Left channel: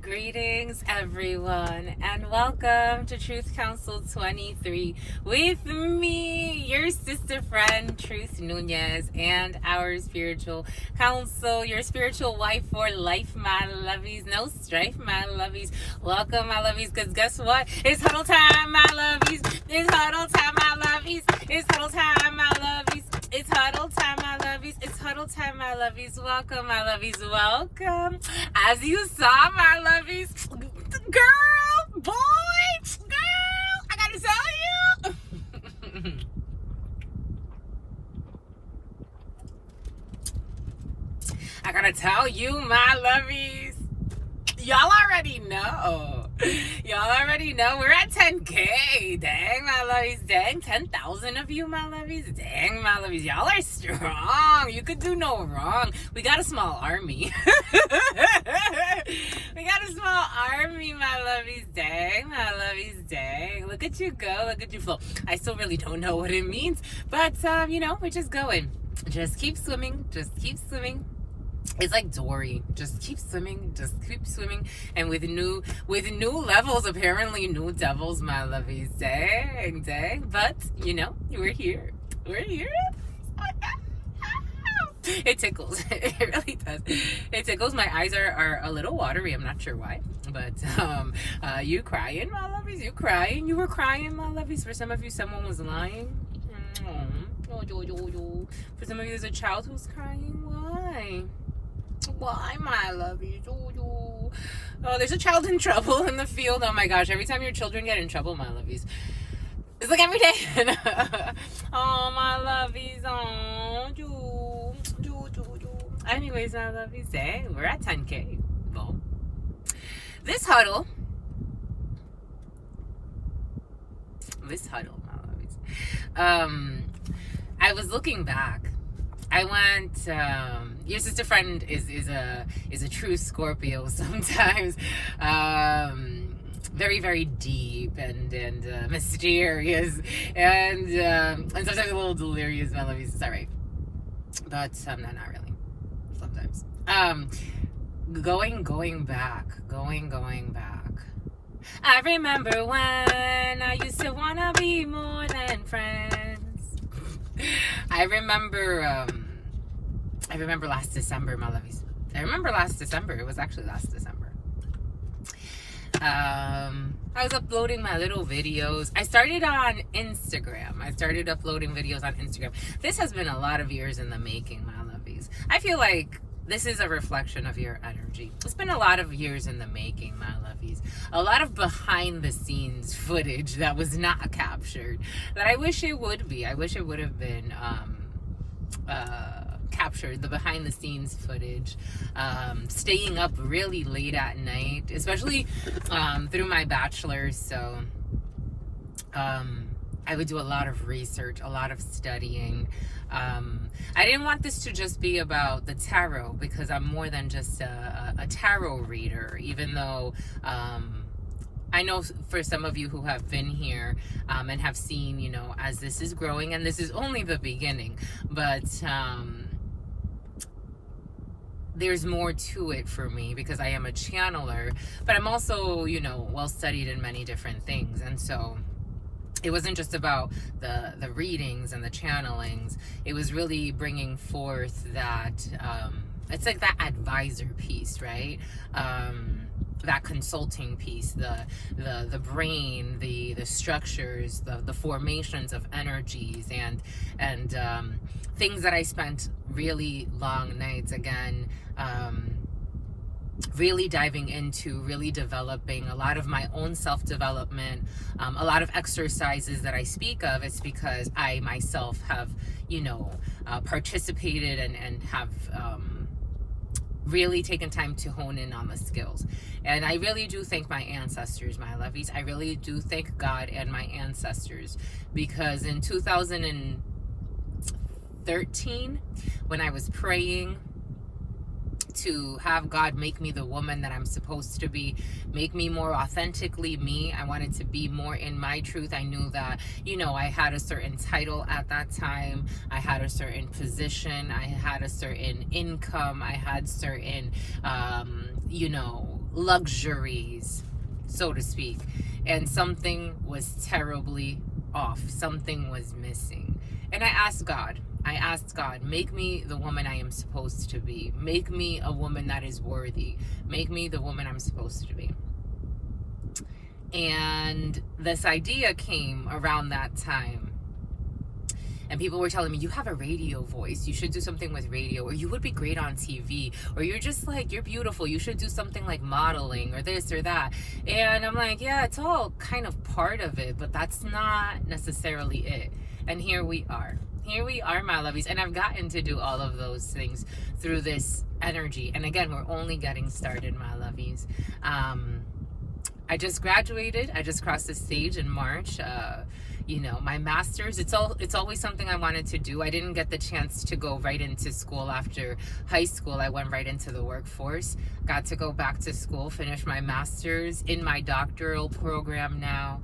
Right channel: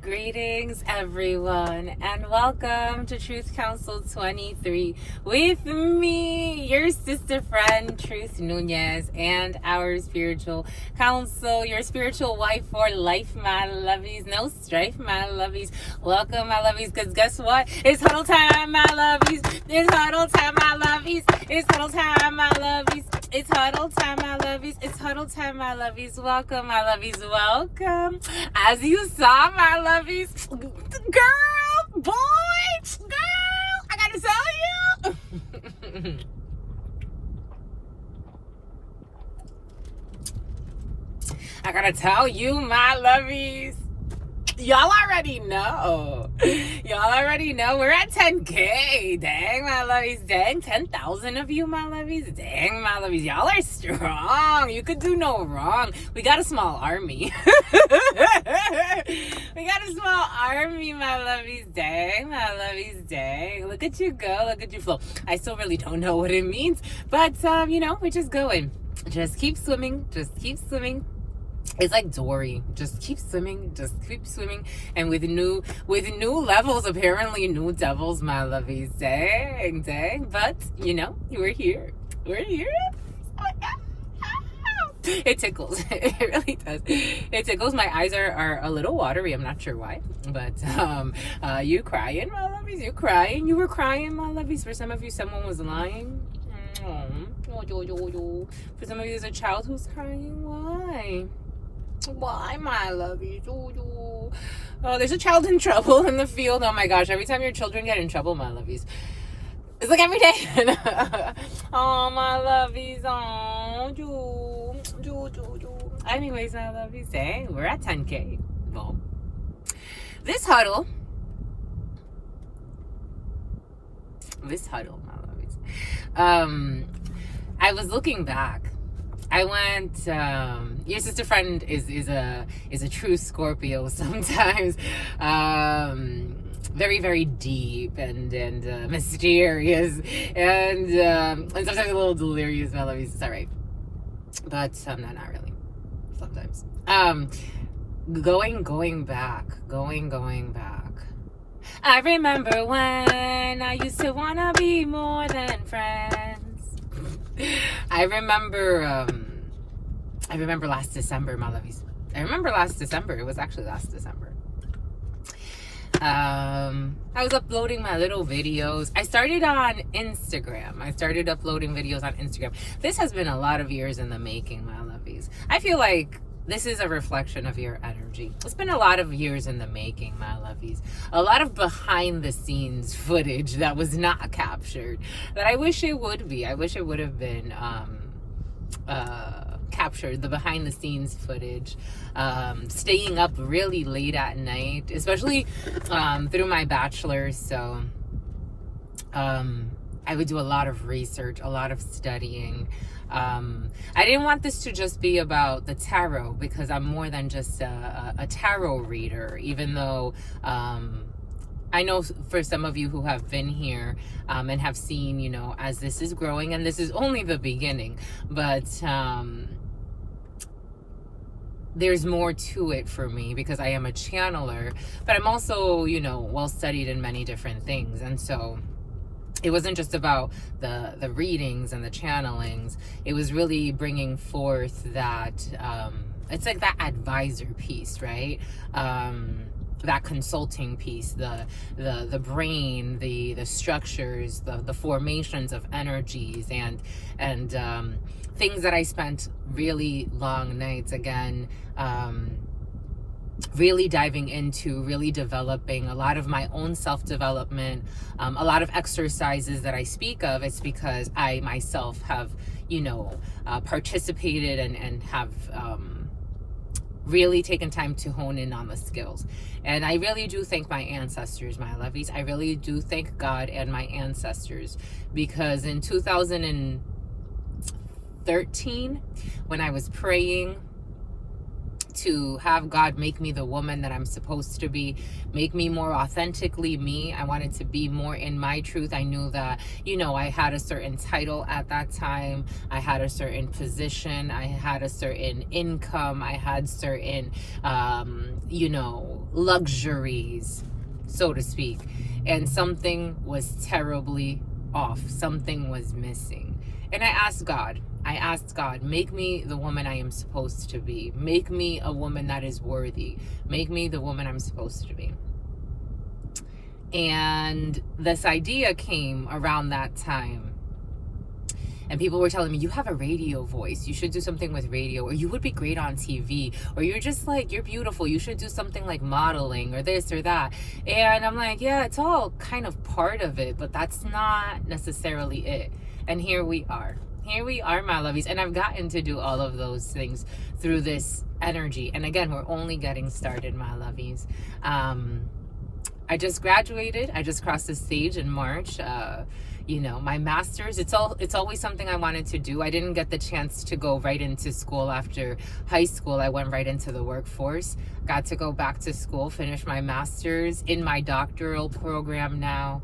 Greetings, everyone, and welcome to Truth Council 23 with me, your sister friend, Truth Nunez, and our spiritual counsel, your spiritual wife for life, my lovies. No strife, my lovies. Welcome, my lovies, because guess what? It's huddle time, my lovies. It's huddle time, my lovies. It's huddle time, my lovies. It's huddle time, my lovies. It's huddle time, my lovies. Welcome, my lovies. Welcome. As you saw, my lovies, girl, boy, girl, I gotta tell you. I gotta tell you, my lovies. Y'all already know. We're at 10K. Dang, my lovies. Dang, 10,000 of you, my lovies. Dang, my lovies. Y'all are strong. You could do no wrong. We got a small army. We got a small army, my lovies. Dang, my lovies. Dang. Look at you go. Look at you flow. I still really don't know what it means. But, we're just going. Just keep swimming. Just keep swimming. It's like Dory. Just keep swimming. Just keep swimming. And with new levels, apparently new devils, my lovies. Dang. But, we're here. We're here. It tickles. It really does. It tickles. My eyes are a little watery. I'm not sure why. But you crying, my lovies? You crying? You were crying, my lovies? For some of you, someone was lying. For some of you, there's a child who's crying. Why, my lovies? Oh, there's a child in trouble in the field. Oh my gosh, every time your children get in trouble, my lovies. It's like every day. Oh, my lovies. Oh, anyways, my lovies, dang, we're at 10K. Well, this huddle, my lovies. I was looking back. I went. Your sister friend is a true Scorpio. Sometimes, very very deep and mysterious and sometimes a little delirious. My lovies, it's alright, but not really. Sometimes. Going back. I remember when I used to wanna be more than friends. I remember last December, my lovies. I remember last December. It was actually last December. I was uploading my little videos. I started on Instagram. I started uploading videos on Instagram. This has been a lot of years in the making, my lovies. I feel like this is a reflection of your energy. It's been a lot of years in the making, my lovies. A lot of behind the scenes footage that was not captured that I wish it would be. I wish it would have been captured, the behind the scenes footage. Staying up really late at night, especially through my bachelor's. So I would do a lot of research, a lot of studying. I didn't want this to just be about the tarot, because I'm more than just a tarot reader, even though I know for some of you who have been here and have seen, as this is growing, and this is only the beginning, but there's more to it for me because I am a channeler, but I'm also, well studied in many different things. And so it wasn't just about the readings and the channelings. It was really bringing forth that, it's like that advisor piece, right? That consulting piece, the brain, the structures, the formations of energies, and things that I spent really long nights, again, really diving into, really developing a lot of my own self-development, a lot of exercises that I speak of. It's because I myself have, participated and have really taken time to hone in on the skills. And I really do thank my ancestors, my lovies. I really do thank God and my ancestors, because in 2013, when I was praying to have God make me the woman that I'm supposed to be, make me more authentically me. I wanted to be more in my truth. I knew that, I had a certain title at that time. I had a certain position. I had a certain income. I had certain, luxuries, so to speak, and something was terribly off. Something was missing. And I asked God, make me the woman I am supposed to be. Make me a woman that is worthy. Make me the woman I'm supposed to be. And this idea came around that time. And people were telling me, you have a radio voice. You should do something with radio, or you would be great on TV, or you're just like, you're beautiful. You should do something like modeling or this or that. And I'm like, yeah, it's all kind of part of it, but that's not necessarily it. And here we are. Here we are, my lovies. And I've gotten to do all of those things through this energy. And again, we're only getting started, my lovies. I just graduated. I just crossed the stage in March. You know, my master's, it's always something I wanted to do. I didn't get the chance to go right into school after high school. I went right into the workforce. Got to go back to school, finish my master's in my doctoral program now.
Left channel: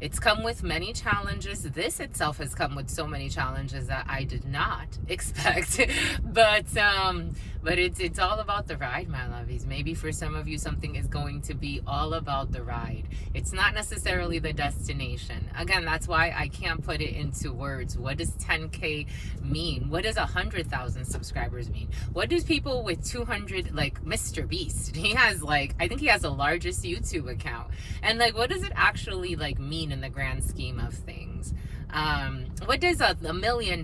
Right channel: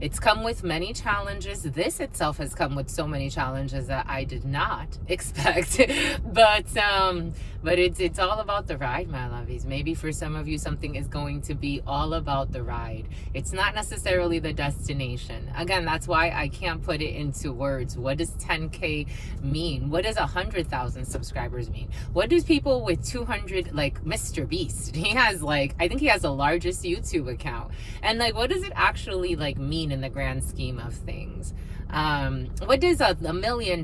It's come with many challenges. This itself has come with so many challenges that I did not expect. But it's all about the ride, my lovies. Maybe for some of you, something is going to be all about the ride. It's not necessarily the destination. Again, that's why I can't put it into words. What does 10K mean? What does 100,000 subscribers mean? What do people with 200, like Mr. Beast? He has like, I think he has the largest YouTube account. And like, what does it actually like mean in the grand scheme of things? What does $1 million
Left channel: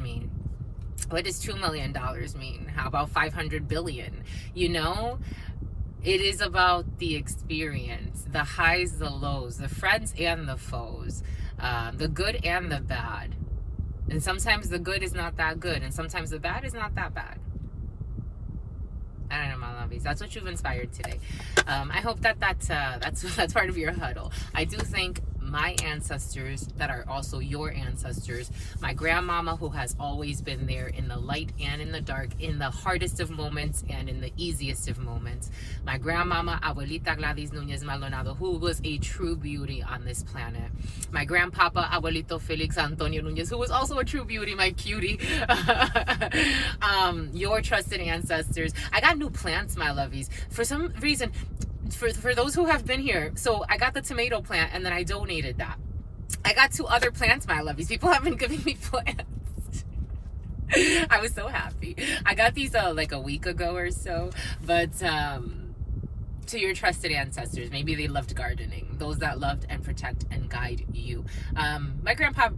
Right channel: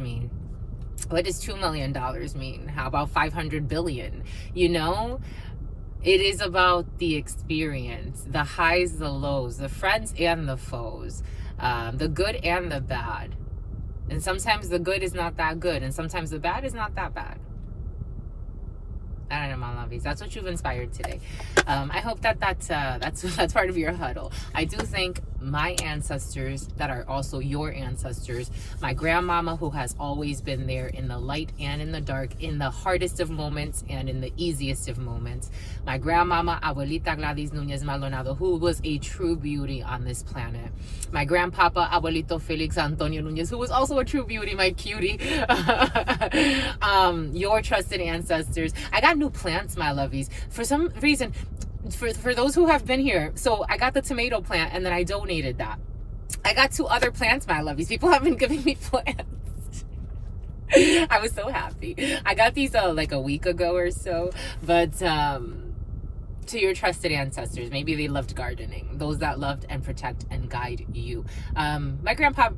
mean? What does $2 million mean? How about 500 billion? You know, it is about the experience, the highs, the lows, the friends and the foes, the good and the bad. And sometimes the good is not that good, and sometimes the bad is not that bad. I don't know, my lovies. That's what you've inspired today. I hope that's part of your huddle. I do thank my ancestors that are also your ancestors. My grandmama, who has always been there in the light and in the dark, in the hardest of moments and in the easiest of moments. My grandmama, Abuelita Gladys Núñez Maldonado, who was a true beauty on this planet. My grandpapa, Abuelito Felix Antonio Núñez, who was also a true beauty, my cutie. Your trusted ancestors. I got new plants, my lovies. For some reason, for those who have been here, so I got the tomato plant and then I donated that. I got 2 other plants, my lovies. People have been giving me plants. I was so happy. I got these like a week ago or so, but to your trusted ancestors, maybe they loved gardening, those that loved and protect and guide you. My grandpapa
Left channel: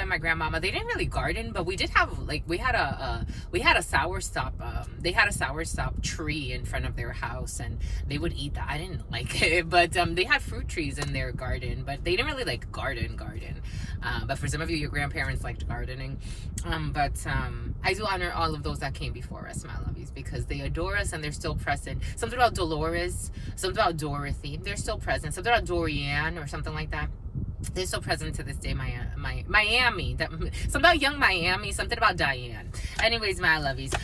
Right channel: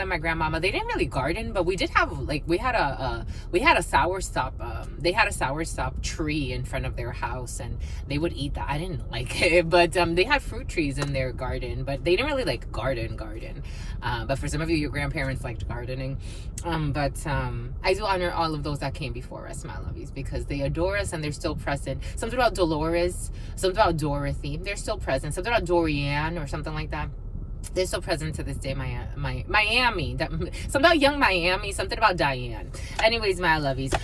and my grandmama, they didn't really garden, but we did have, like, we had a soursop. They had a soursop tree in front of their house, and they would eat that. I didn't like it, but they had fruit trees in their garden, but they didn't really like garden. But for some of you, your grandparents liked gardening. I do honor all of those that came before us, my lovies, because they adore us and they're still present. Something about Dolores, something about Dorothy, they're still present. Something about Dorian or something like that. They're still present to this day. Miami, something about young Miami, something about Diane. Anyways, my lovies,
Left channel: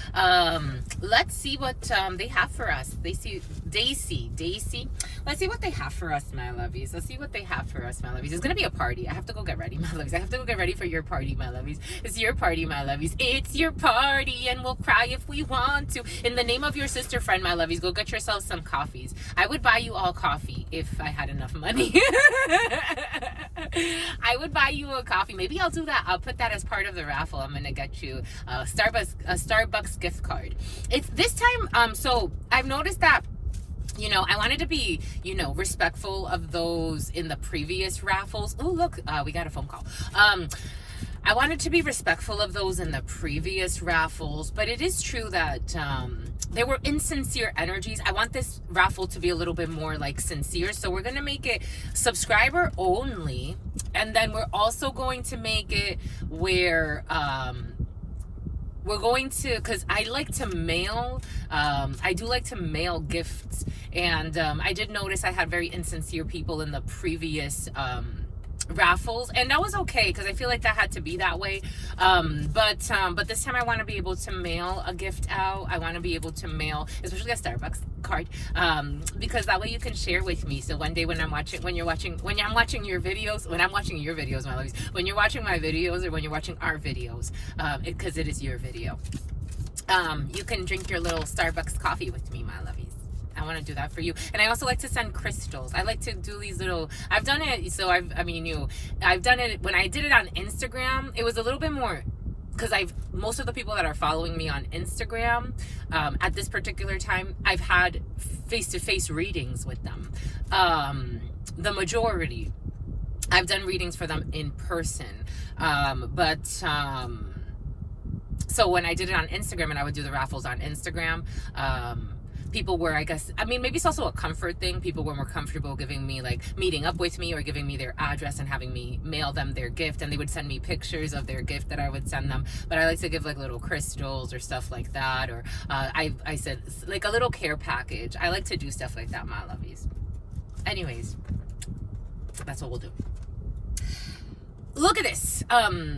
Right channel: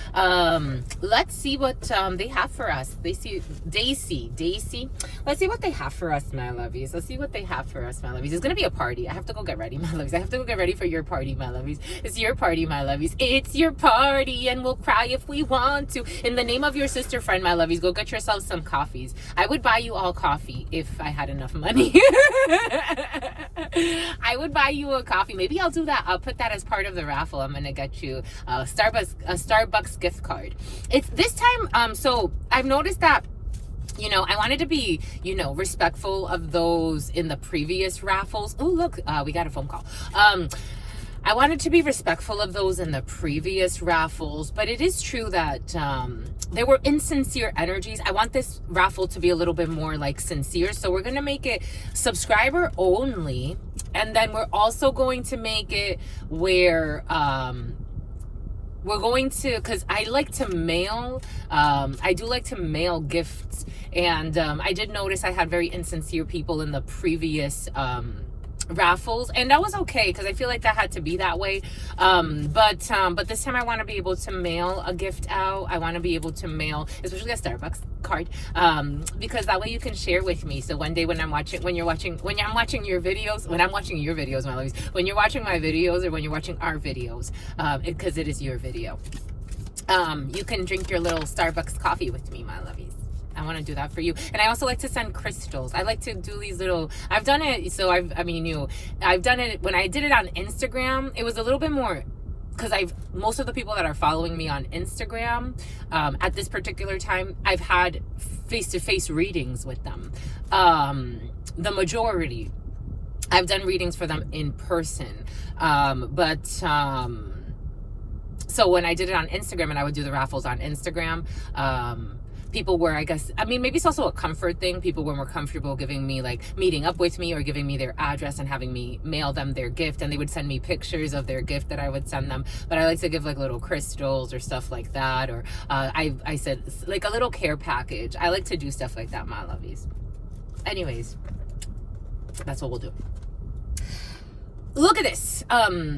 let's see what they have for us. Daisy. Let's see what they have for us, my lovies. It's gonna be a party. I have to go get ready, my lovies. I have to go get ready for your party, my lovies. It's your party, my lovies. It's your party, and we'll cry if we want to. In the name of your sister friend, my lovies, go get yourselves some coffees. I would buy you all coffee if I had enough money. I would buy you a coffee. Maybe I'll do that. I'll put that as part of the raffle. I'm gonna get you a Starbucks gift card. It's this time. So I've noticed that, you know, I wanted to be, you know, respectful of those in the previous raffles. Oh, look, we got a phone call. I wanted to be respectful of those in the previous raffles, but it is true that there were insincere energies. I want this raffle to be a little bit more like sincere, so we're gonna make it subscriber only, and then we're also going to make it where we're going to, because I like to mail, I do like to mail gifts, and I did notice I had very insincere people in the previous raffles, and that was okay, because I feel like that had to be that way. But this time I want to be able to mail a gift out. I want to be able to mail, especially a Starbucks card, because that way you can share with me. So one day when I'm watching your videos, when you're watching my videos, or when you're watching our videos, because it is your video, you can drink your little Starbucks coffee with me, my lovies. I want to do that for you. And I also like to send crystals. I like to do these little, I've done it. So I've done it when I did it on Instagram. It was a little bit more, because most of the people that are following me on Instagram, at this particular time, I've had face-to-face readings with them. The majority, I've done readings for them in person. So when I did it on Instagram and I would do the raffles on Instagram, people were, maybe it's also a comfort thing. People were more comfortable giving me, like, meeting up with me or giving me their address and having me mail them their gift. And they would send me pictures of their gift that I would send them. But I like to give, like, little crystals or stuff like that. Or I said, like, a little care package. I like to do stuff like that, my lovies. Anyways, that's what we'll do. Look at this.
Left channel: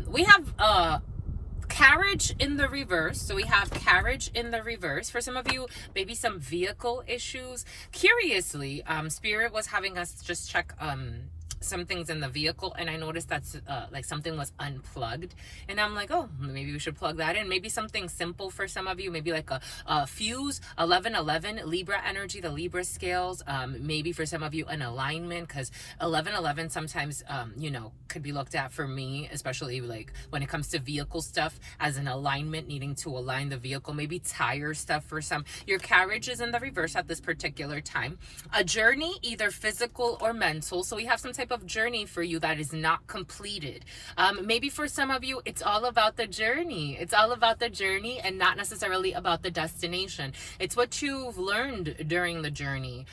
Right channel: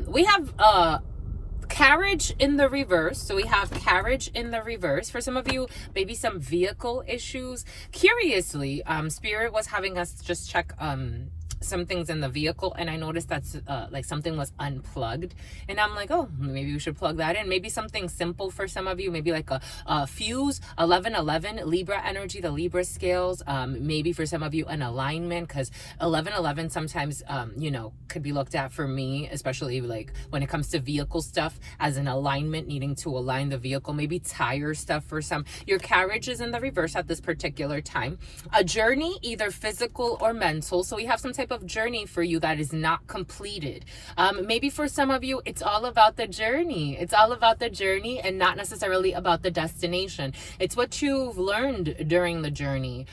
We have carriage in the reverse. So we have carriage in the reverse. For some of you, maybe some vehicle issues. Curiously, Spirit was having us just check some things in the vehicle, and I noticed that's like something was unplugged, and I'm like, oh, maybe we should plug that in. Maybe something simple for some of you, maybe like a fuse, 1111 Libra energy, the Libra scales. Maybe for some of you an alignment, because 1111 sometimes could be looked at, for me especially, like when it comes to vehicle stuff, as an alignment, needing to align the vehicle. Maybe tire stuff for some. Your carriage is in the reverse at this particular time. A journey, either physical or mental. So we have some type of journey for you that is not completed. Maybe for some of you, it's all about the journey. It's all about the journey and not necessarily about the destination. It's what you've learned during the journey.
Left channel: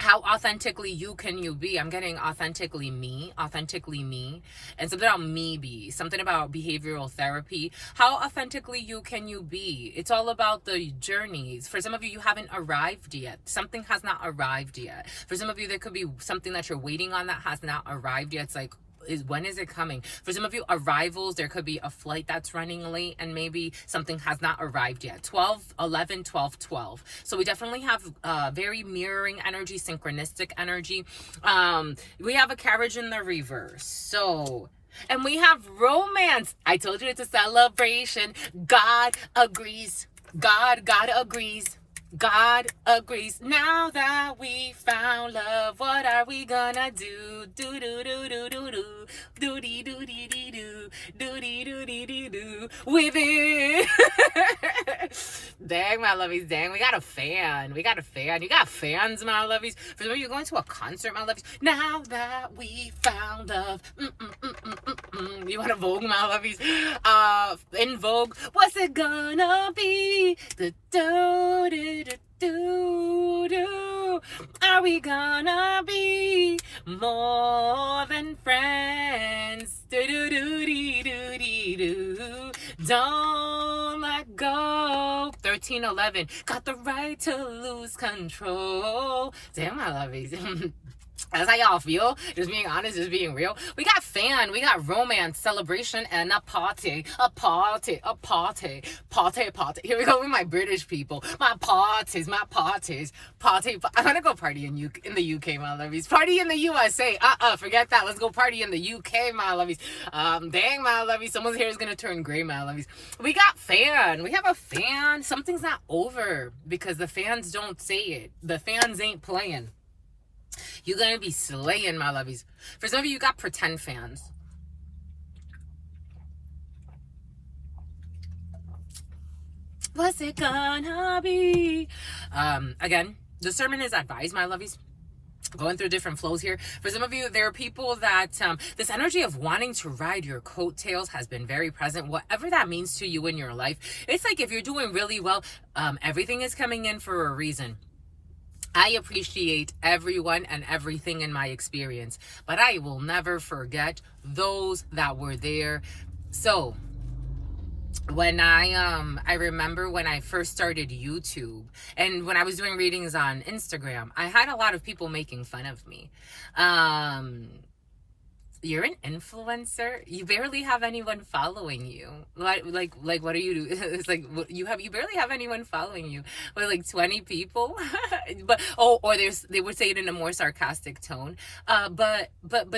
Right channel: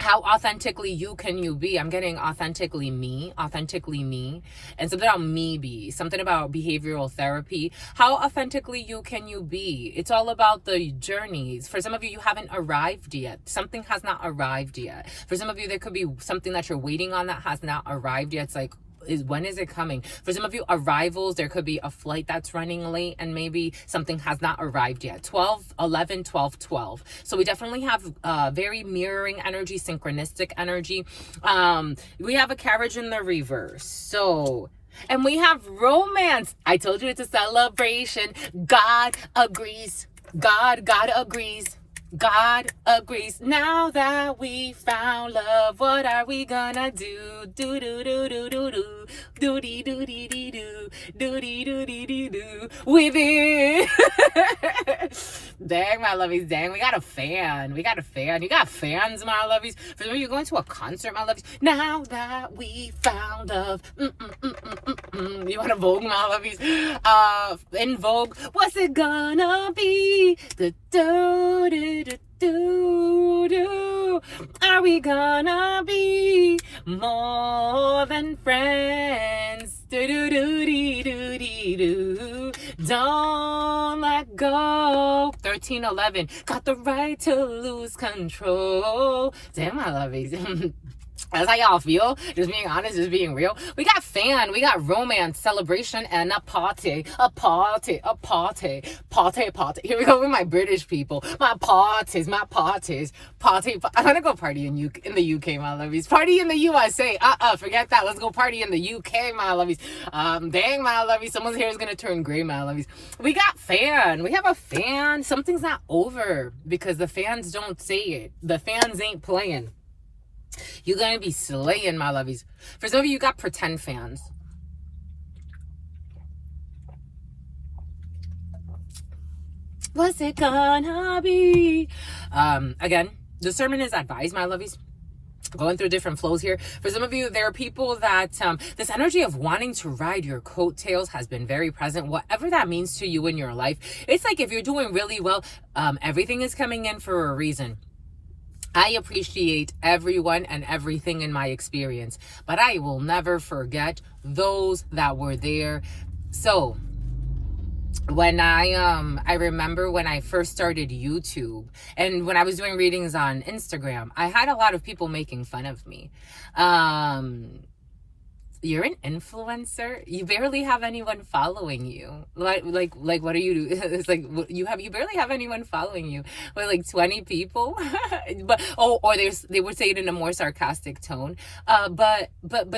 How authentically you can you be? I'm getting authentically me, and something about me be, something about behavioral therapy. How authentically you can you be? It's all about the journeys. For some of you, you haven't arrived yet. Something has not arrived yet. For some of you, there could be something that you're waiting on that has not arrived yet. It's like, when is it coming? For some of you, arrivals, there could be a flight that's running late and maybe something has not arrived yet. 12, 11, 12, 12. So we definitely have very mirroring energy, synchronistic energy. We have a carriage in the reverse. So, and we have romance. I told you it's a celebration. God agrees. God agrees. God agrees. Now that we found love, what are we gonna do? Do do do do do do do dee do dee dee do do dee do dee dee do with it. Dang, my lovies, dang, we got a fan. You got fans, my lovies. For some of you going to a concert, my lovies. Now that we found love. You want to Vogue, my lovies? In Vogue, what's it gonna be? The do do do do do. Are we gonna be more than friends? Do do do dee do dee do. Don't let go. 1311. Got the right to lose control. Damn, my lovies. That's how y'all feel. Just being honest, just being real. We got fan, we got romance, celebration, and a party. Party. Here we go with my British people. My parties. Party. I'm gonna go party in the UK, my lovies. Party in the USA. Forget that. Let's go party in the UK, my lovies. Dang, my lovies. Someone's hair is gonna turn gray, my lovies. We got fan. We have a fan. Something's not over because the fans don't say it. The fans ain't playing. You're gonna be slaying, my lovies. For some of you, got pretend fans. What's it gonna be? Again, discernment is advised, my lovies. Going through different flows here. For some of you, there are people that this energy of wanting to ride your coattails has been very present. Whatever that means to you in your life, it's like if you're doing really well, everything is coming in for a reason. I appreciate everyone and everything in my experience, but I will never forget those that were there. So when I remember when I first started YouTube and when I was doing readings on Instagram, I had a lot of people making fun of me. You're an influencer. You barely have anyone following you. Like what are you? It's like you barely have anyone following you. With like 20 people, or they would say it in a more sarcastic tone. But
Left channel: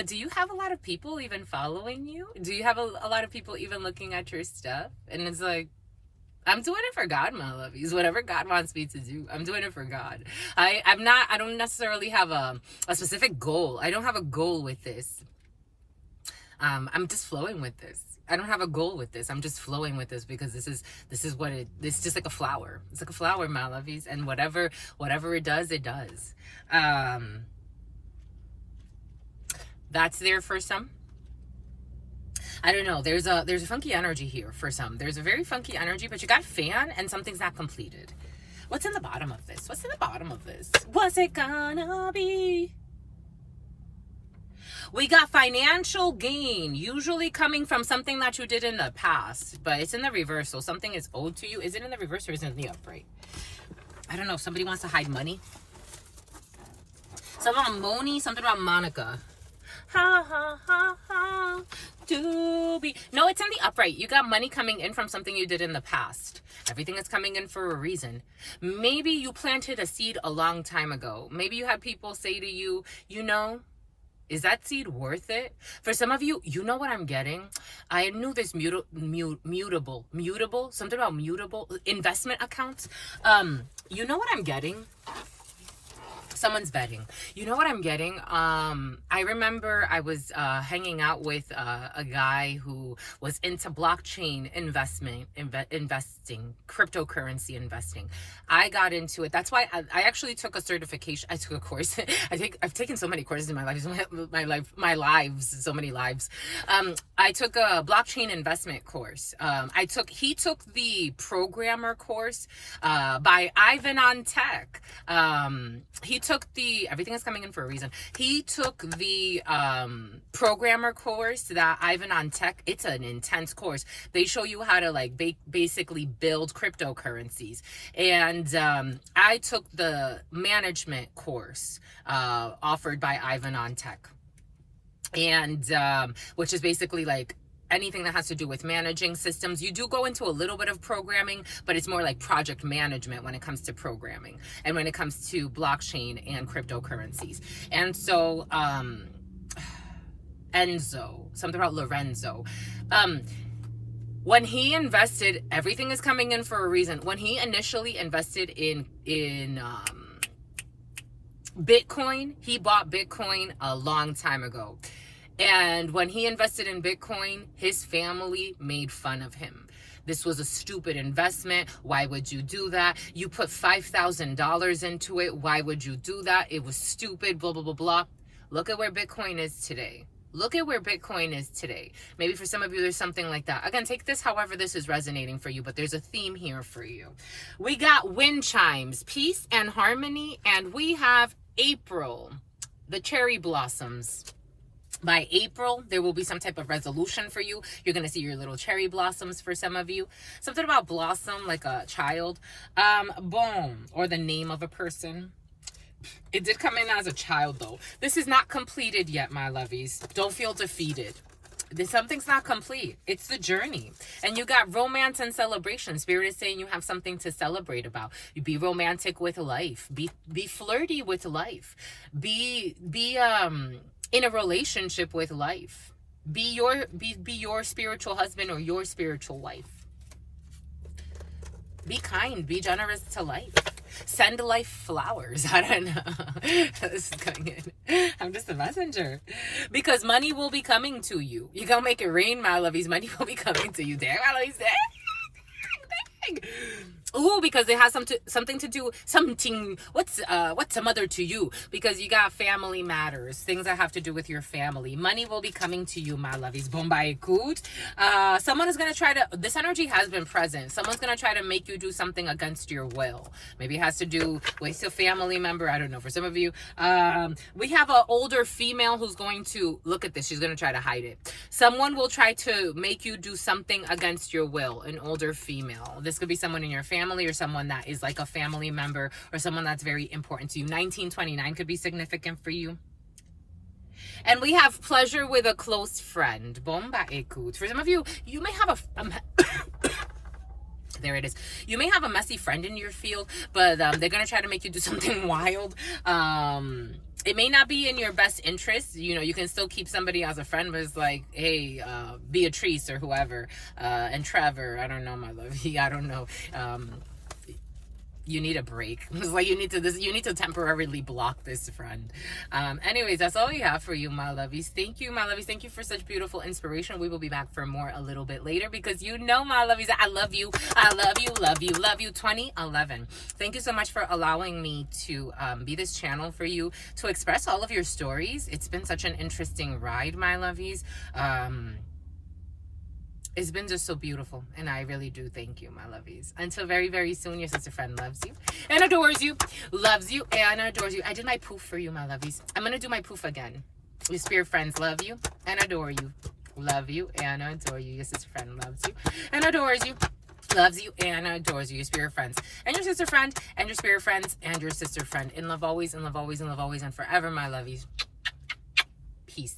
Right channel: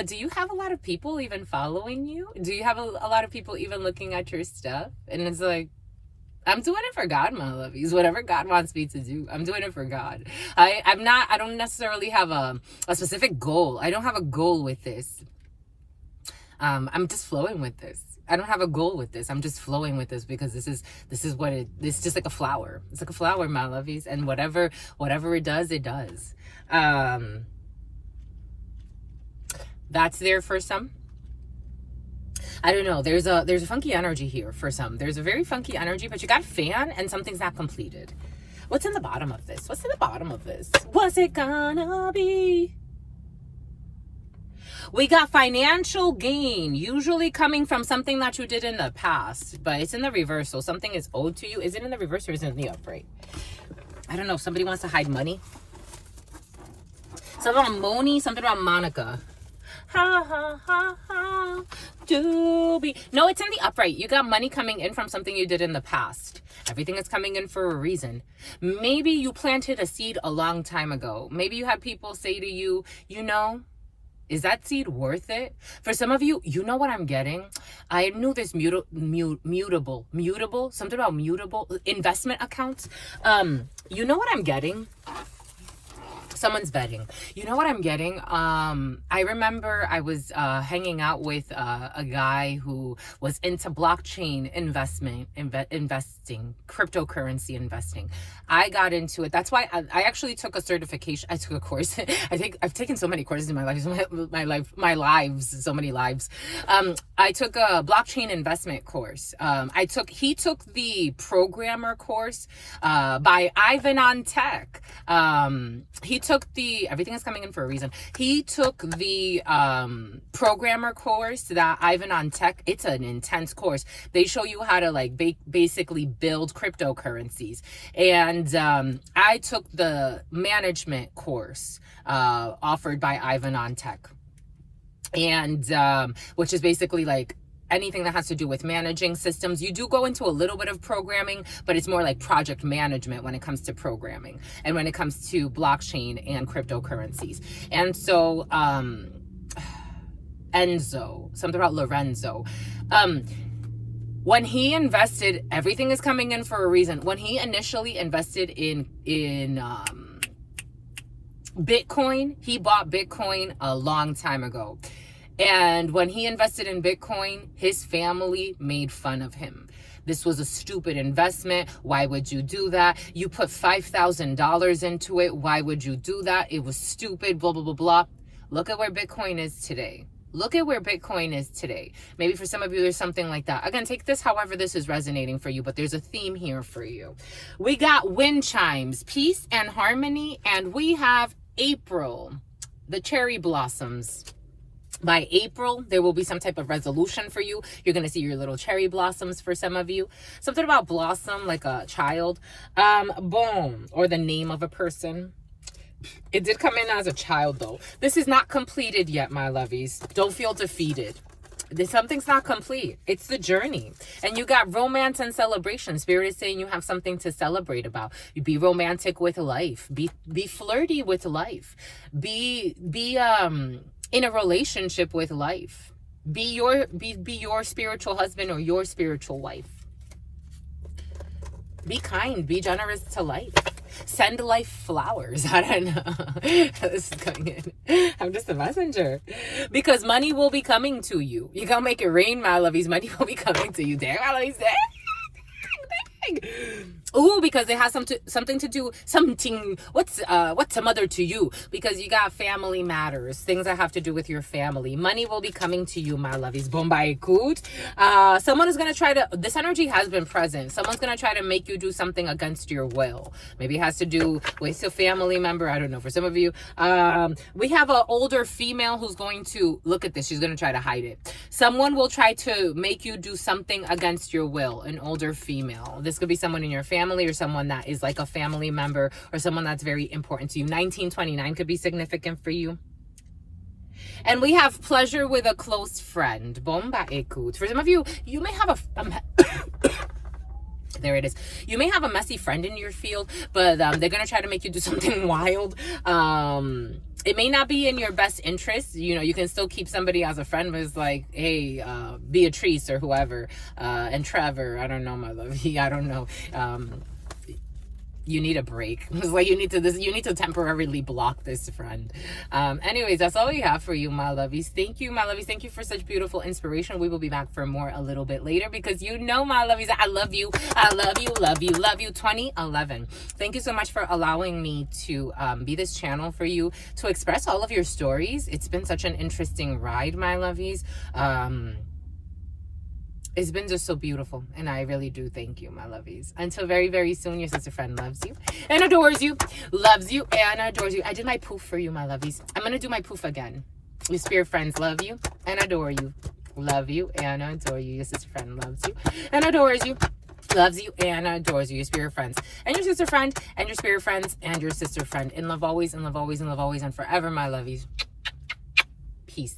do you have a lot of people even following you? Do you have a lot of people even looking at your stuff? And it's like, I'm doing it for God, my lovies. Whatever God wants me to do, I'm doing it for God. I don't necessarily have a specific goal. I don't have a goal with this. I'm just flowing with this. I don't have a goal with this. I'm just flowing with this because this is what it's just like a flower. It's like a flower, my lovies. And whatever it does, it does. That's there for some. I don't know. There's a funky energy here for some. There's a very funky energy, but you got a fan and something's not completed. What's in the bottom of this? What's in the bottom of this? What's it gonna be? We got financial gain, usually coming from something that you did in the past, but it's in the reverse. So something is owed to you. Is it in the reverse or is it in the upright? I don't know. Somebody wants to hide money. Something about Moni, something about Monica. Ha ha ha ha. Doobie. No, it's in the upright. You got money coming in from something you did in the past. Everything is coming in for a reason. Maybe you planted a seed a long time ago. Maybe you had people say to you, you know, is that seed worth it? For some of you, you know what I'm getting? I knew this mutable, something about mutable investment accounts. You know what I'm getting? Someone's betting. You know what I'm getting? I remember I was hanging out with a guy who was into blockchain investing, cryptocurrency investing. I got into it. That's why I actually took a certification. I took a course. I've taken so many courses in my life, so many lives. I took a blockchain investment course. He took the programmer course by Ivan on Tech. He took everything is coming in for a reason. He took the programmer course that Ivan on Tech. It's an intense course. They show you how to like basically build cryptocurrencies. And I took the management course offered by Ivan on Tech. And which is basically like anything that has to do with managing systems. You do go into a little bit of programming, but it's more like project management when it comes to programming and when it comes to blockchain and cryptocurrencies. And so Enzo, something about Lorenzo, when he invested, everything is coming in for a reason. When he initially invested in Bitcoin, he bought Bitcoin a long time ago. And when he invested in Bitcoin, his family made fun of him. This was a stupid investment. Why would you do that? You put $5,000 into it. Why would you do that? It was stupid, blah, blah, blah, blah. Look at where Bitcoin is today. Look at where Bitcoin is today. Maybe for some of you, there's something like that. Again, take this however this is resonating for you, but there's a theme here for you. We got wind chimes, peace and harmony, and we have April, the cherry blossoms. By April, there will be some type of resolution for you. You're going to see your little cherry blossoms for some of you. Something about blossom, like a child. Boom, or the name of a person. It did come in as a child, though. This is not completed yet, my lovies. Don't feel defeated. Something's not complete. It's the journey. And you got romance and celebration. Spirit is saying you have something to celebrate about. You be romantic with life. Be flirty with life. Be in a relationship with life. Be your spiritual husband or your spiritual wife. Be kind. Be generous to life. Send life flowers. I don't know. This is going in. I'm just a messenger. Because money will be coming to you. You gotta make it rain, my lovies. Money will be coming to you. Damn, my lovies. Dang. Ooh, because it has something to do, what's a mother to you? Because you got family matters, things that have to do with your family. Money will be coming to you, my lovies. Bombay coot. Someone is going to try to, this energy has been present. Someone's going to try to make you do something against your will. Maybe it has to do with a family member. I don't know. For some of you, we have an older female who's going to, look at this. She's going to try to hide it. Someone will try to make you do something against your will. An older female. This could be someone in your family or someone that is like a family member or someone that's very important to you. 1929 could be significant for you. And we have pleasure with a close friend. Bomba ekut. For some of you, you may have There it is. You may have a messy friend in your field, but they're going to try to make you do something wild. It may not be in your best interest. You know, you can still keep somebody as a friend, but it's like, hey, Beatrice or whoever, and Trevor, I don't know, my love. I don't know. You need a break. It's like you need to temporarily block this friend. Anyways, that's all we have for you, my lovies. Thank you, my lovies. Thank you for such beautiful inspiration. We will be back for more a little bit later, because you know, my lovies, I love you. I love you, love you, love you. 2011. Thank you so much for allowing me to be this channel for you to express all of your stories. It's been such an interesting ride, my lovies. It's been just so beautiful, and I really do thank you, my lovies. Until very, very soon, your sister friend loves you and adores you, loves you and adores you. I did my poof for you, my lovies. I'm going to do my poof again. Your spirit friends love you and adore you, love you and adore you. Your sister friend loves you and adores you, loves you and adores you. Your spirit friends and your sister friend and your spirit friends and your sister friend. In love always, in love always, in love always, and forever, my lovies. Peace.